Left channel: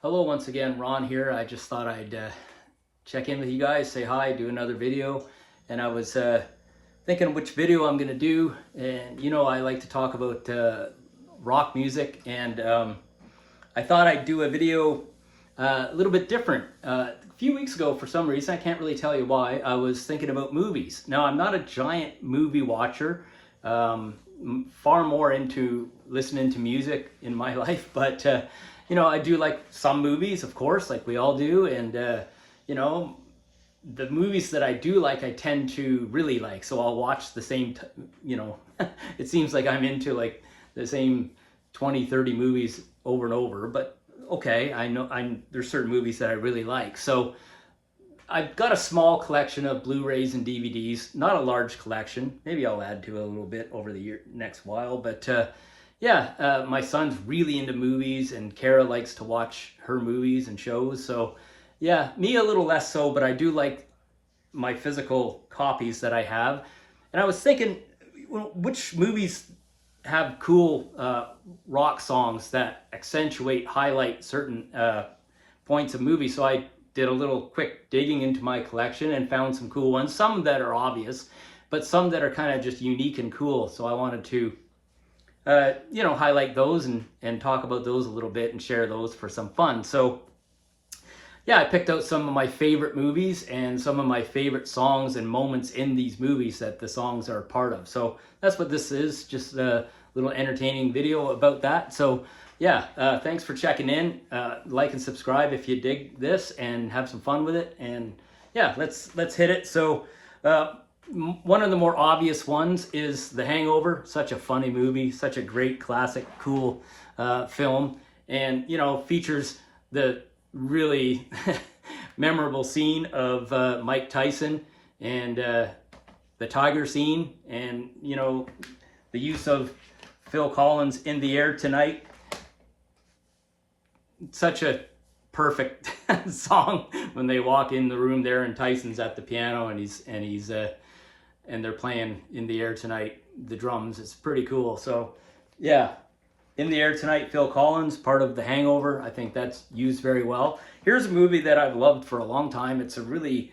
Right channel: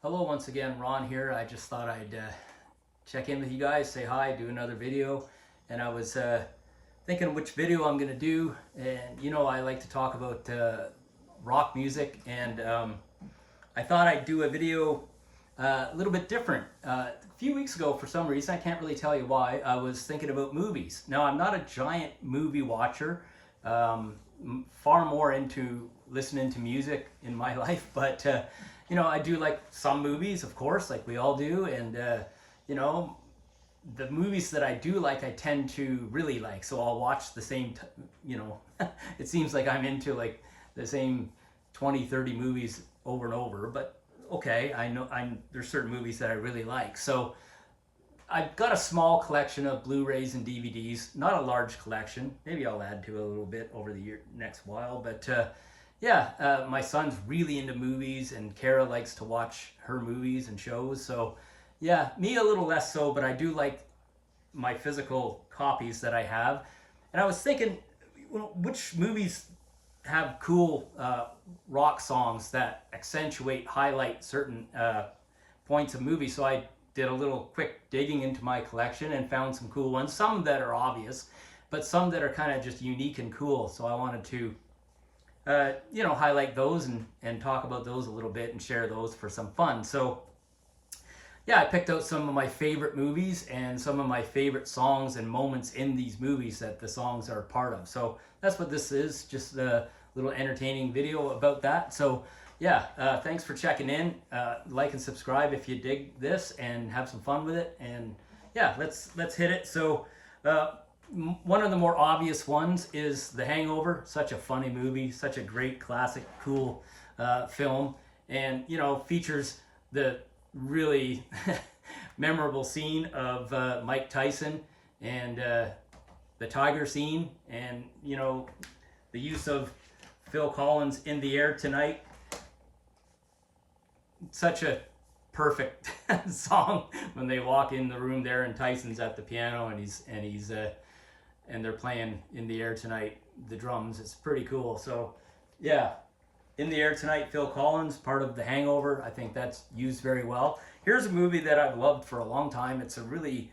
Hello once again, Ron here. I just thought I'd check in with you guys, say hi, do another video. And I was thinking which video I'm going to do. And you know, I like to talk about rock music. And I thought I'd do a video a little bit different. A few weeks ago, for some reason, I can't really tell you why, I was thinking about movies. Now, I'm not a giant movie watcher. Far more into listening to music in my life, but you know, I do like some movies, of course, like we all do, and you know, the movies that I do like, I tend to really like. So I'll watch the same, you know, it seems like I'm into like the same 20, 30 movies over and over, but okay, I know there's certain movies that I really like. So I've got a small collection of Blu-rays and DVDs, not a large collection. Maybe I'll add to a little bit over the next while. But yeah, my son's really into movies, and Kara likes to watch her movies and shows. So yeah, me a little less so, but I do like my physical copies that I have. And I was thinking, which movies have cool rock songs that accentuate, highlight certain points of movies. So I did a little quick digging into my collection and found some cool ones, some that are obvious, but some that are kind of just unique and cool. So I wanted to, you know, highlight those and talk about those a little bit and share those for some fun. So yeah, I picked out some of my favorite movies and some of my favorite songs and moments in these movies that the songs are a part of. So that's what this is, just a little entertaining video about that. So yeah, thanks for checking in. Like and subscribe if you dig this and have some fun with it. And yeah, let's hit it. So one of the more obvious ones is The Hangover. Such a funny movie, such a great classic, cool film, and you know, features the really memorable scene of Mike Tyson and the tiger scene, and you know, the use of Phil Collins' In the Air Tonight. Such a perfect song when they walk in the room there and Tyson's at the piano and they're playing In the Air Tonight, the drums. It's pretty cool. So yeah, In the Air Tonight, Phil Collins, part of The Hangover. I think that's used very well. Here's a movie that I've loved for a long time. It's a really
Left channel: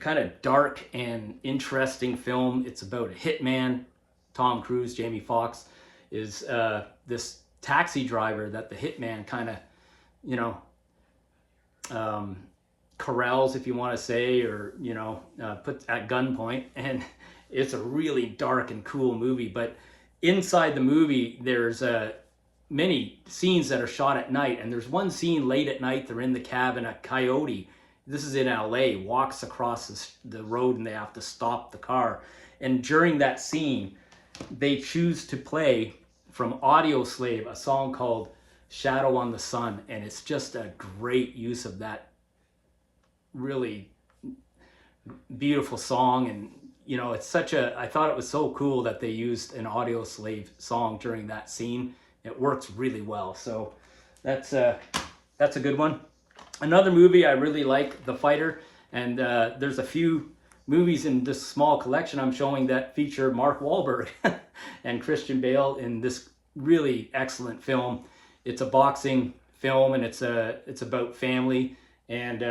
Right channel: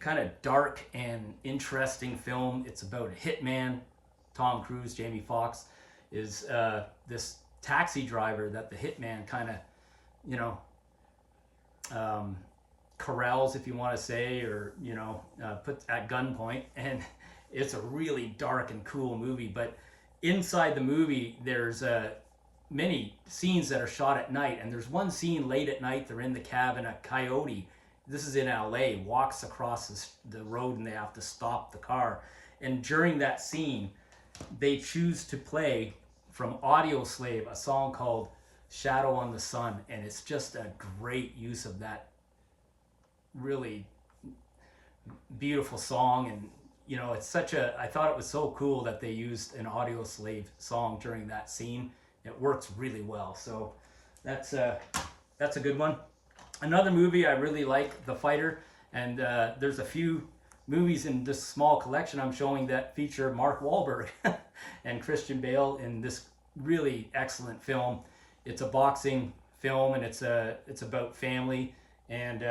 kind of dark and interesting film. It's about a hitman. Tom Cruise, Jamie Foxx, is this taxi driver that the hitman kind of, you know, corrals, if you want to say, or you know, puts at gunpoint. And it's a really dark and cool movie. But inside the movie, there's many scenes that are shot at night, and there's one scene late at night. They're in the cab, and a coyote, this is in LA, walks across the road, and they have to stop the car. And during that scene, they choose to play from Audioslave a song called Shadow on the Sun, and it's just a great use of that really beautiful song. And you know, it's such a, I thought it was so cool that they used an Audioslave song during that scene. It works really well. So that's a good one. Another movie I really like, The Fighter, and there's a few movies in this small collection I'm showing that feature Mark Wahlberg and Christian Bale in this really excellent film. It's a boxing film, and it's about family. And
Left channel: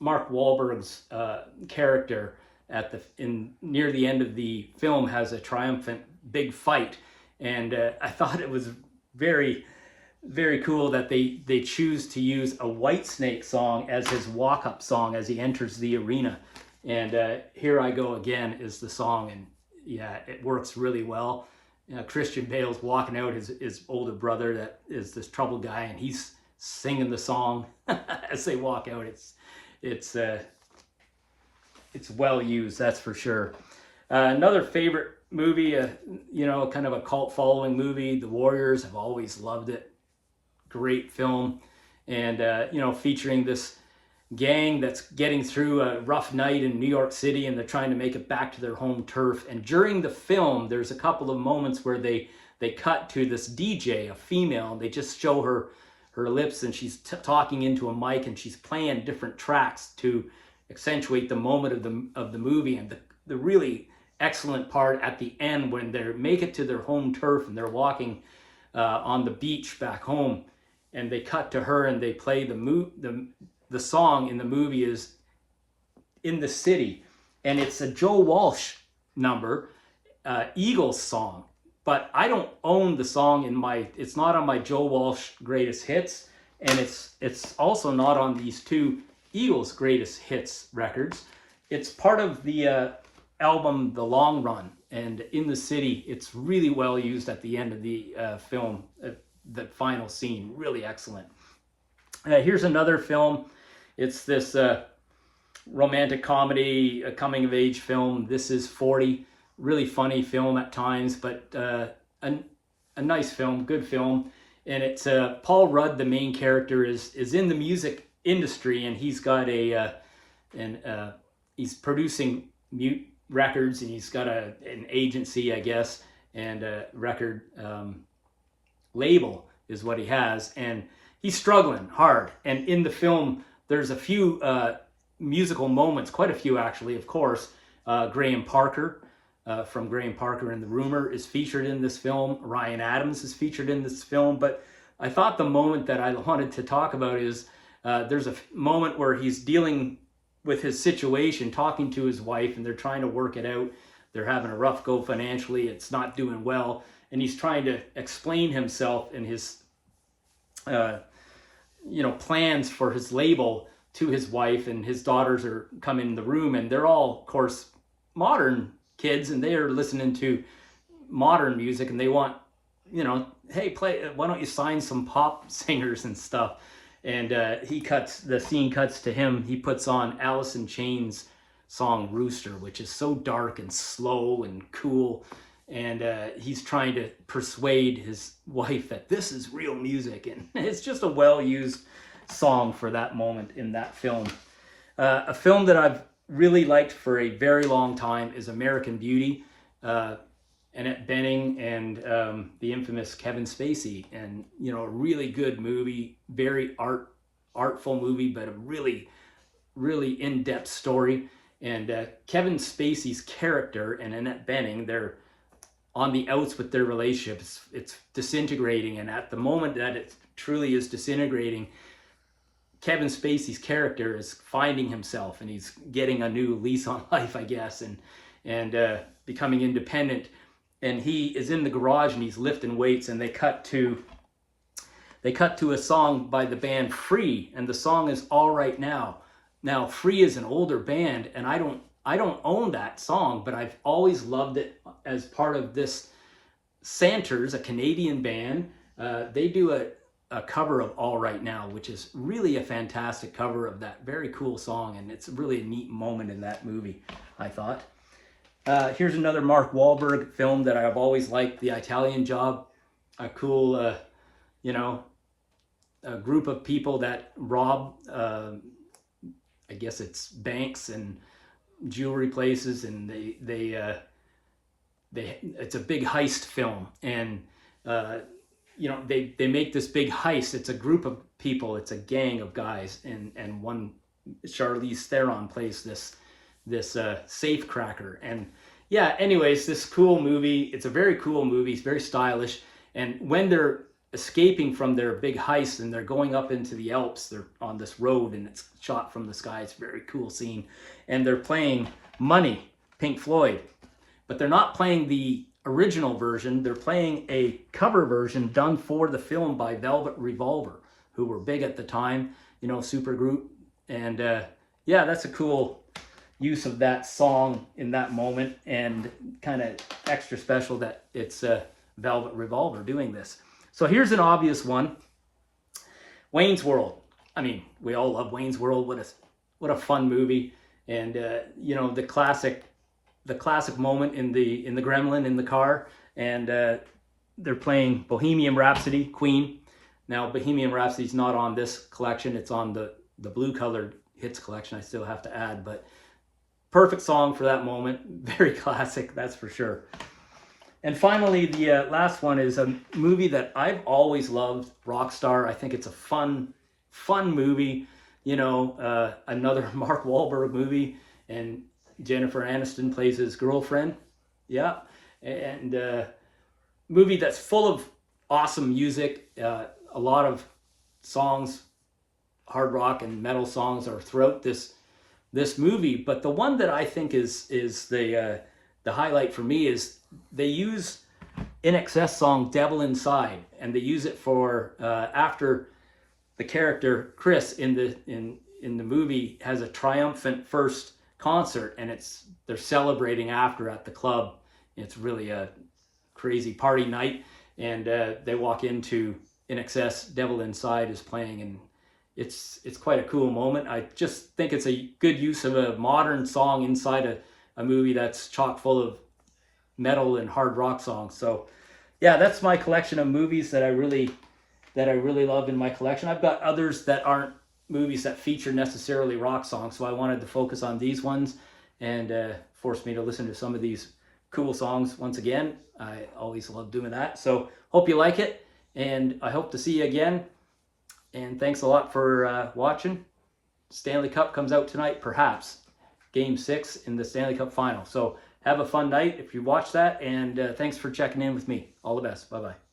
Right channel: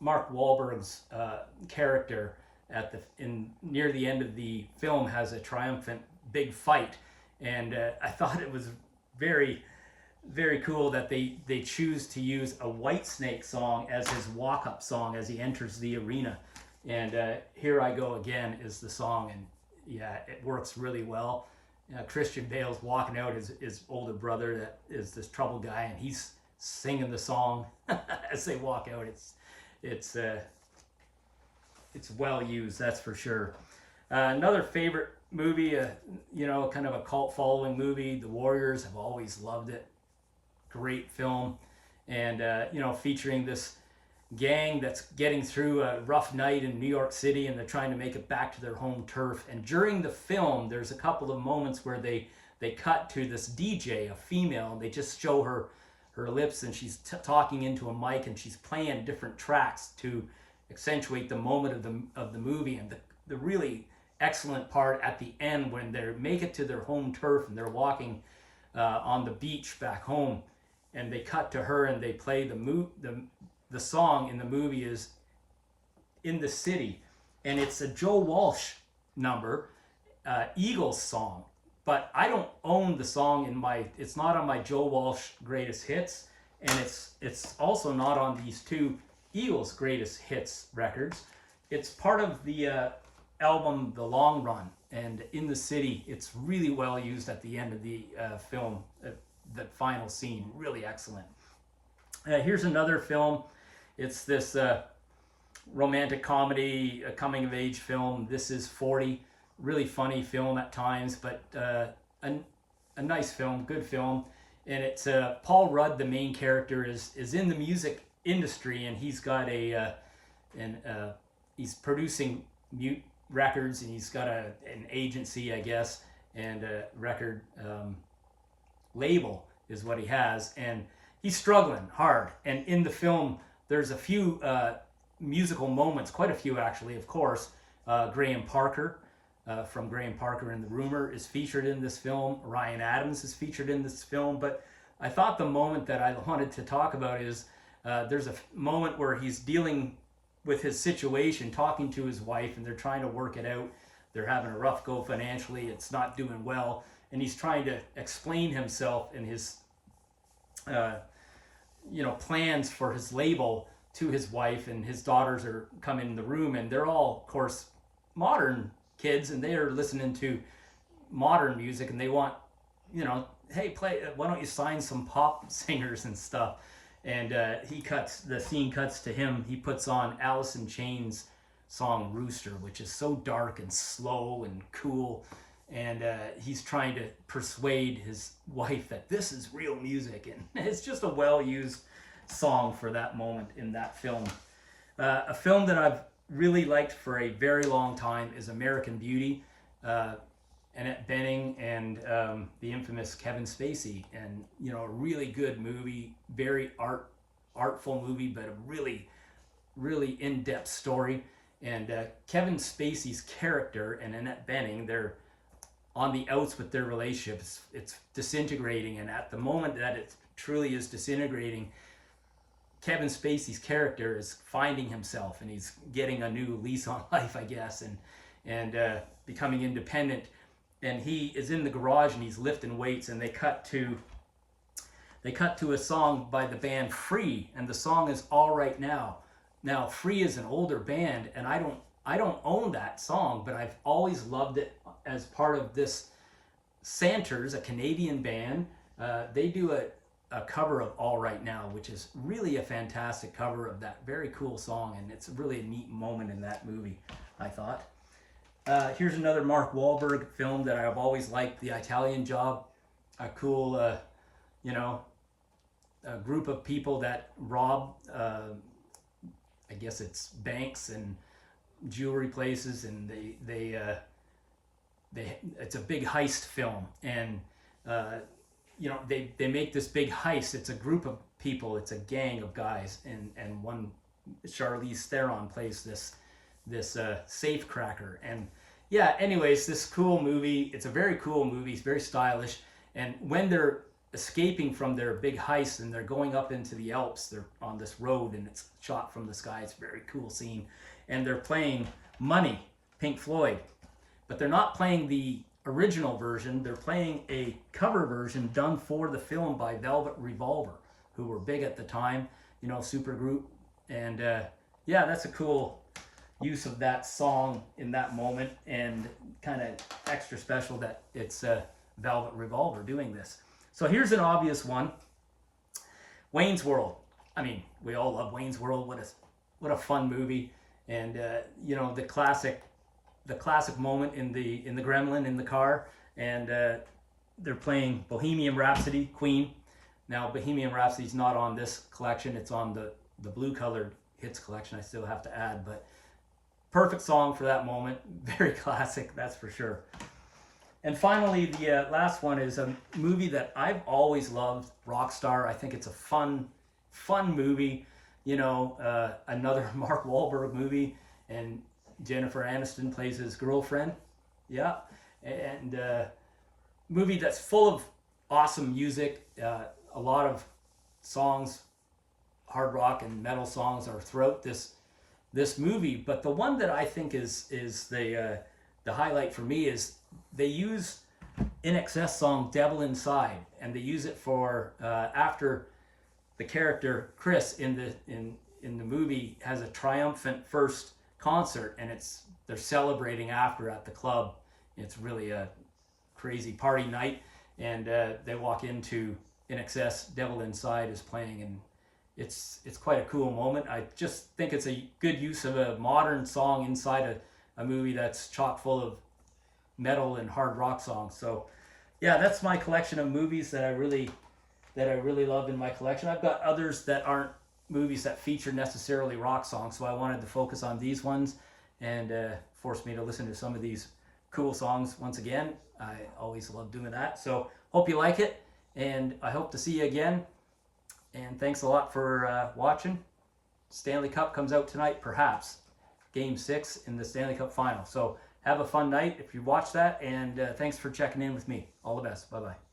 Mark Wahlberg's character near the end of the film has a triumphant big fight, and I thought it was very, very cool that they choose to use a Whitesnake song as his walk-up song as he enters the arena. And Here I Go Again is the song, and yeah, it works really well. Christian Bale's walking out his older brother that is this troubled guy, and he's singing the song as they walk out. It's well used, that's for sure. Another favorite movie, you know, kind of a cult following movie, The Warriors. I've always loved it. Great film, and you know, featuring this gang that's getting through a rough night in New York City, and they're trying to make it back to their home turf. And during the film, there's a couple of moments where they cut to this DJ, a female, and they just show her lips, and she's talking into a mic, and she's playing different tracks to accentuate the moment of the movie. And the really excellent part at the end, when they make it to their home turf and they're walking on the beach back home, and they cut to her and they play the song in the movie is In the City, and it's a Joe Walsh number, Eagles song. But I don't own the song it's not on my Joe Walsh greatest hits, and it's also not on these two Eagles greatest hits records. It's part of the album The Long Run, and In the City, it's really well used at the end of the film, the final scene, really excellent. Here's another film. It's this romantic comedy, a coming of age film. This is 40. Really funny film at times, but a nice film, good film. And it's Paul Rudd, the main character, is in the music industry, and he's got he's producing mute records, and he's got an agency, I guess, and a record label is what he has, and he's struggling hard. And in the film, there's a few musical moments, quite a few actually, of course. Graham Parker from Graham Parker and the Rumor is featured in this film. Ryan Adams is featured in this film. But I thought the moment that I wanted to talk about is there's a moment where he's dealing with his situation, talking to his wife, and they're trying to work it out. They're having a rough go financially. It's not doing well. And he's trying to explain himself and his plans for his label to his wife, and his daughters are coming in the room, and they're all, of course, modern kids, and they are listening to modern music, and they want, hey, why don't you sign some pop singers and stuff? And the scene cuts to him. He puts on Alice in Chains' song Rooster, which is so dark and slow and cool, and he's trying to persuade his wife that this is real music, and it's just a well-used song for that moment in that film. A film that I've really liked for a very long time is American Beauty. Annette Bening and the infamous Kevin Spacey, and a really good movie, very artful movie, but a really, really in-depth story. And Kevin Spacey's character and Annette Bening, they're on the outs with their relationship. It's disintegrating, and at the moment that it truly is disintegrating, Kevin Spacey's character is finding himself, and he's getting a new lease on life, I guess, and becoming independent. And he is in the garage and he's lifting weights, and they cut to a song by the band Free, and the song is All Right Now. Now, Free is an older band, and I don't own that song, but I've always loved it as part of this Santers, a Canadian band. They do a cover of All Right Now, which is really a fantastic cover of that very cool song, and it's really a neat moment in that movie, I thought. Here's another Mark Wahlberg film that I've always liked, The Italian Job. A cool, a group of people that rob, I guess it's banks and jewelry places, and it's a big heist film, and they make this big heist. It's a group of people, it's a gang of guys, and one, Charlize Theron, plays this safe cracker. And yeah, anyways, this cool movie, it's a very cool movie, it's very stylish. And when they're escaping from their big heist and they're going up into the Alps, they're on this road and it's shot from the sky. It's a very cool scene. And they're playing Money, Pink Floyd, but they're not playing the original version. They're playing a cover version done for the film by Velvet Revolver, who were big at the time, super group. And yeah, that's a cool use of that song in that moment, and kind of extra special that it's Velvet Revolver doing this. So here's an obvious one. Wayne's World. I mean, we all love Wayne's World. What a fun movie. And the classic moment in the Gremlin in the car, and they're playing Bohemian Rhapsody, Queen. Now, Bohemian Rhapsody's not on this collection. It's on the blue colored hits collection, I still have to add, but perfect song for that moment. Very classic, that's for sure. And finally, the last one is a movie that I've always loved, Rockstar. I think it's a fun movie. Another Mark Wahlberg movie, and Jennifer Aniston plays his girlfriend. Yeah, and movie that's full of awesome music, a lot of songs, hard rock and metal songs, are throughout this movie. But the one that I think is the highlight for me is they use INXS song "Devil Inside," and they use it for after the character Chris in the movie has a triumphant first concert, and they're celebrating after at the club. It's really a crazy party night, and they walk into INXS, "Devil Inside" is playing, and it's quite a cool moment. I just think it's a good use of a modern song inside a movie that's chock full of metal and hard rock songs. So yeah, that's my collection of movies that I really love in my collection. I've got others that aren't movies that feature necessarily rock songs, so I wanted to focus on these ones, and forced me to listen to some of these cool songs once again. I always love doing that. So hope you like it, and I hope to see you again. And thanks a lot for watching. Stanley Cup comes out tonight, perhaps Game 6 in the Stanley Cup final. So have a fun night if you watch that, and thanks for checking in with me. All the best. Bye-bye.